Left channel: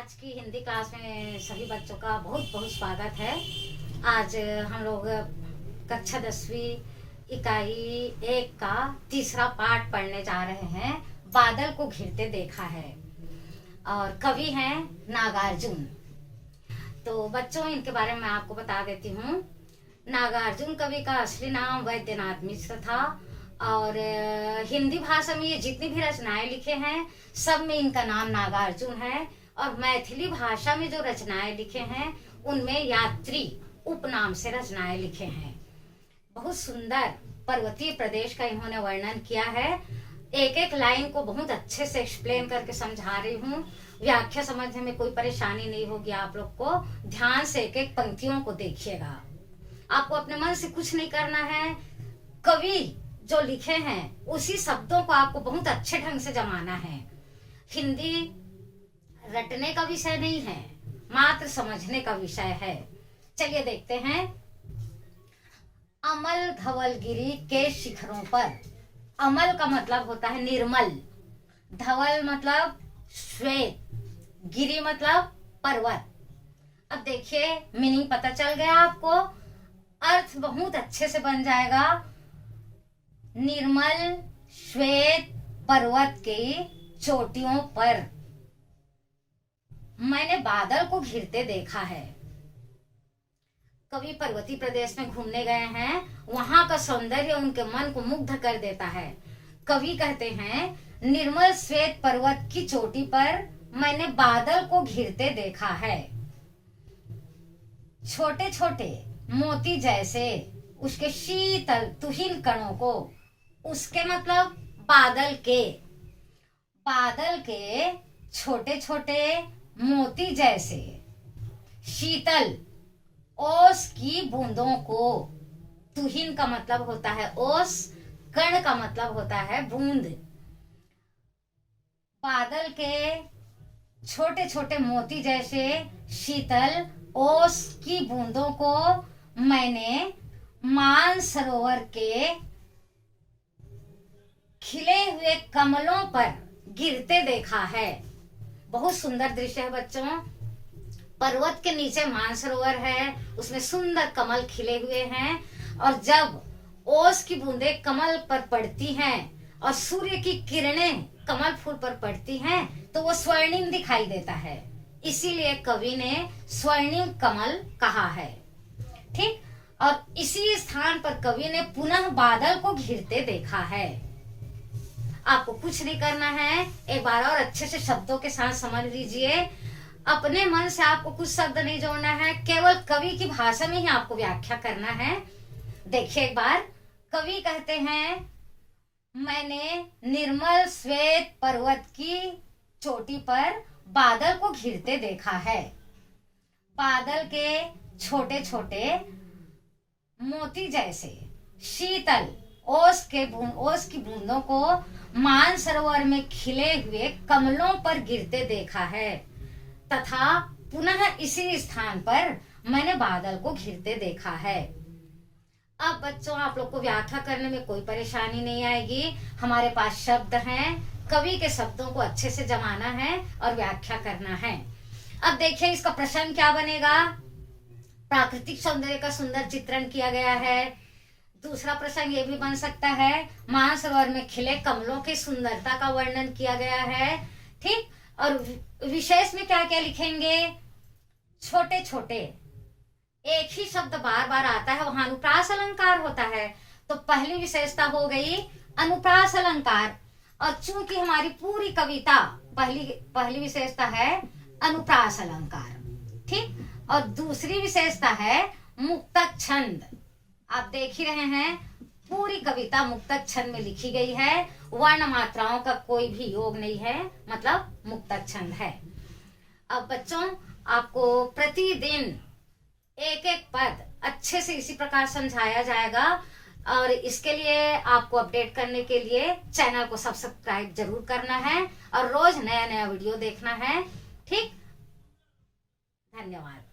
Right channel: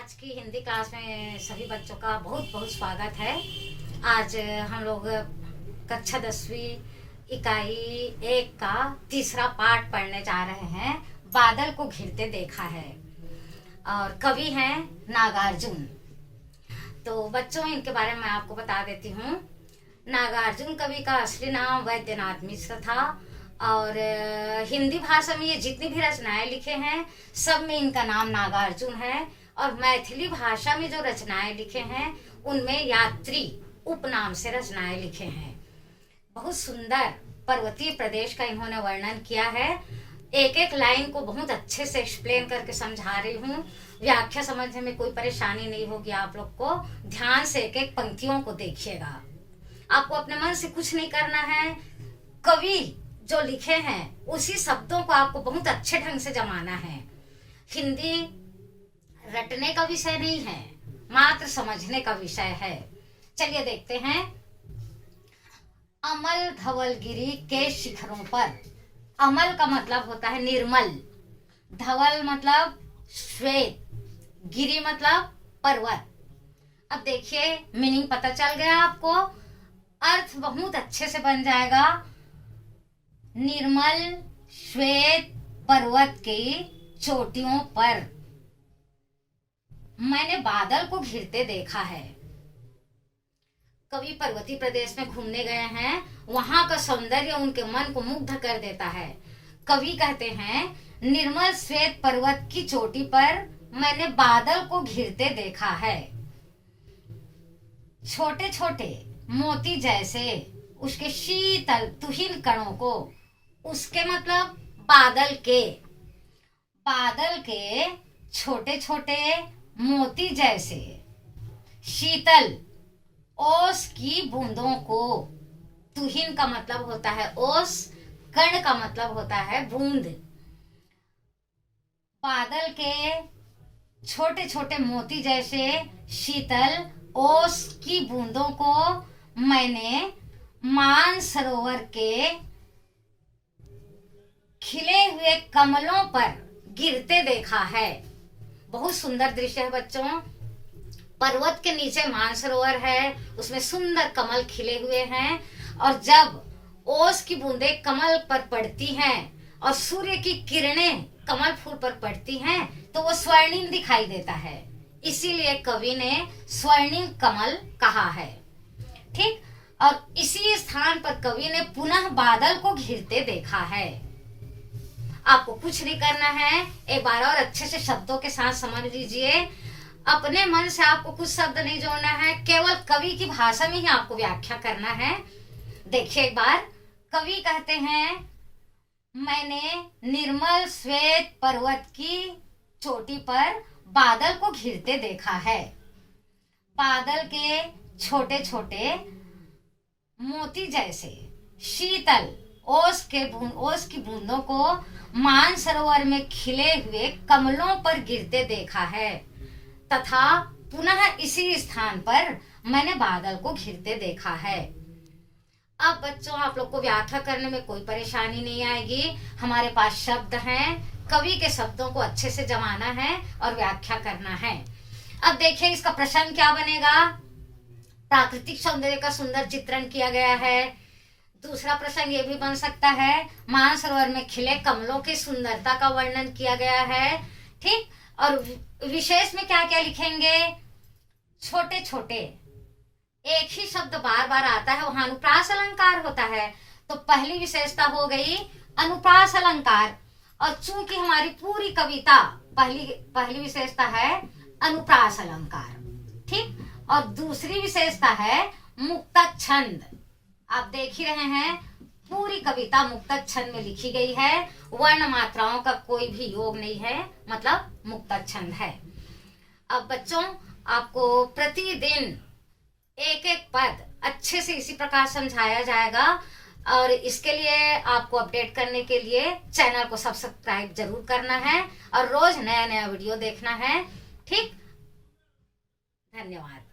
आज की हिंदी क्लास में सभी बच्चों का बहुत बहुत स्वागत है। आज हम लोग कक्षा 10वीं इकाई 1 का तीसरा पाठ पढ़ने जा रहे हैं। बादल को घिरते देखा है और कवि हैं नागार्जुन। तो बच्चों, इनके बारे में आपको बता देती हूँ। नागार्जुन कवि का असली नाम वैद्यनाथ मिश्र था और हिंदी भाषा में ये जितनी भी रचनाएं लिखे हैं सब में इनका नाम नागार्जुन है। और मैथिली भाषा में जो रचनाएं लिखे हैं उनमें यात्री उपनाम से रचनाएं लिखे हैं। बहुत सुंदर पर्वतीय प्रदेश का इन्होंने वर्णन किया है। एक एक लाइन को बहुत अच्छे से एक्सप्लेन करके समझा रही हूँ। व्याख्या समझने में कोई परेशानी नहीं होगी। आप लोग को ध्यान से एक एक पंक्तियों को देखिएगा। आपको अपने मन से कुछ नहीं करना है। कवि जो लिखे हैं उसी शब्दों को आपको बहुत अच्छे ढंग से जमाना है। हिंदी रटने का विषय नहीं है, मात्र समझने का विषय है। चलिए देखते हैं। अमल धवलगिरी के शिखरों पर। अमल का मतलब होता है निर्मल, धवल मतलब श्वेत, गिरी मतलब पर्वत। अब देखिए, मीनिंग पता चल गया आपको। अर्थ बहुत अच्छे से बन जाएगा। निर्मल श्वेत पर्वत की चोटियों पर मैंने बादल को घिरते देखा है। कवि पर्वतीय प्रदेश में घूमने गए हैं, वहां का सौंदर्य उनके मन को मुग्ध कर देता है। कवि कहते हैं, निर्मल श्वेत पर्वत की चोटी पर मैंने बादल को घिरते देखा है। छोटे छोटे मोती जैसे उसके शीतल तुहिन कणों को, उसके मतलब बादल के छोटे छोटे मोती जैसे शीतल ओस की बूंदों को। तुहिन का मतलब होता है ओस, कण का मतलब होता है बूंद। बादल के छोटे छोटे मोती जैसे शीतल ओस की बूंदों को मैंने मानसरोवर के खिले हुए कमलों पर गिरते देखा है। बहुत सुंदर दृश्य है बच्चों। पर्वत के नीचे मानसरोवर है, उसमें सुंदर कमल खिले हुए हैं और जब ओस की बूंदें कमल पर पड़ती हैं और सूर्य की किरणें कमल फूल पर पड़ती हैं तो वो स्वर्णिम दिखाई देता है। इसीलिए कवि ने स्वर्णिम कमल कहा है। ठीक, और इसी स्थान पर कवि ने पुनः बादल को घिरते देखा है। आपको कुछ नहीं करना है, एक बार और अच्छे से शब्दों के साथ समझ लीजिए। अपने मन से आपको कुछ शब्द नहीं जोड़ना है, केवल कवि की भाषा में ही आपको व्याख्या करना है। देखिए एक बार, कवि कहते हैं, मैंने निर्मल श्वेत पर्वत की चोटी पर बादल को घिरते देखा है। बादल के छोटे छोटे मोती जैसे शीतल ओस की बूंदों को मानसरोवर में खिले हुए कमलों पर गिरते देखा है तथा पुनः इसी स्थान पर मैंने बादल को घिरते देखा है। अब बच्चों, आप लोग को व्याख्या करने में कोई परेशानी नहीं आएगी। हमारे पास शब्द हैं, कवि के शब्दों को अच्छे से जमाना है और व्याख्या करना है। अब देखिए, इसका प्रश्न क्या बनेगा। प्राकृतिक सौंदर्य का सुंदर चित्रण किया गया है। दूसरा प्रश्न ये भी बन सकता है, मानसरोवर में खिले कमलों की सुंदरता का वर्णन किया गया है। ठीक, और विशेष में क्या क्या लिखेंगे। छोटे छोटे, एक ही शब्द बार बार आता है, वहां अनुप्रास अलंकार होता है। तो पहली विशेषता हो गई अनुप्रास अलंकार। और चूंकि हमारी पूरी कविता पहली विशेषता है अनुप्रास अलंकार। ठीक, और दूसरी विशेषता है मुक्तक छंद। आप देख ही रहे हैं, पूरी कविता मुक्तक छंद में लिखी गई है। वर्ण मात्राओं का कोई भी योग नहीं है, मतलब मुक्तक छंद है। अब बच्चों, आपको प्रतिदिन एक एक पद अच्छे से इसी प्रकार समझाया जाएगा और इसके लिए आपको अपडेट करने के लिए चैनल को सब्सक्राइब जरूर करना है और रोज नया नया वीडियो देखना है। ठीक, धन्यवाद।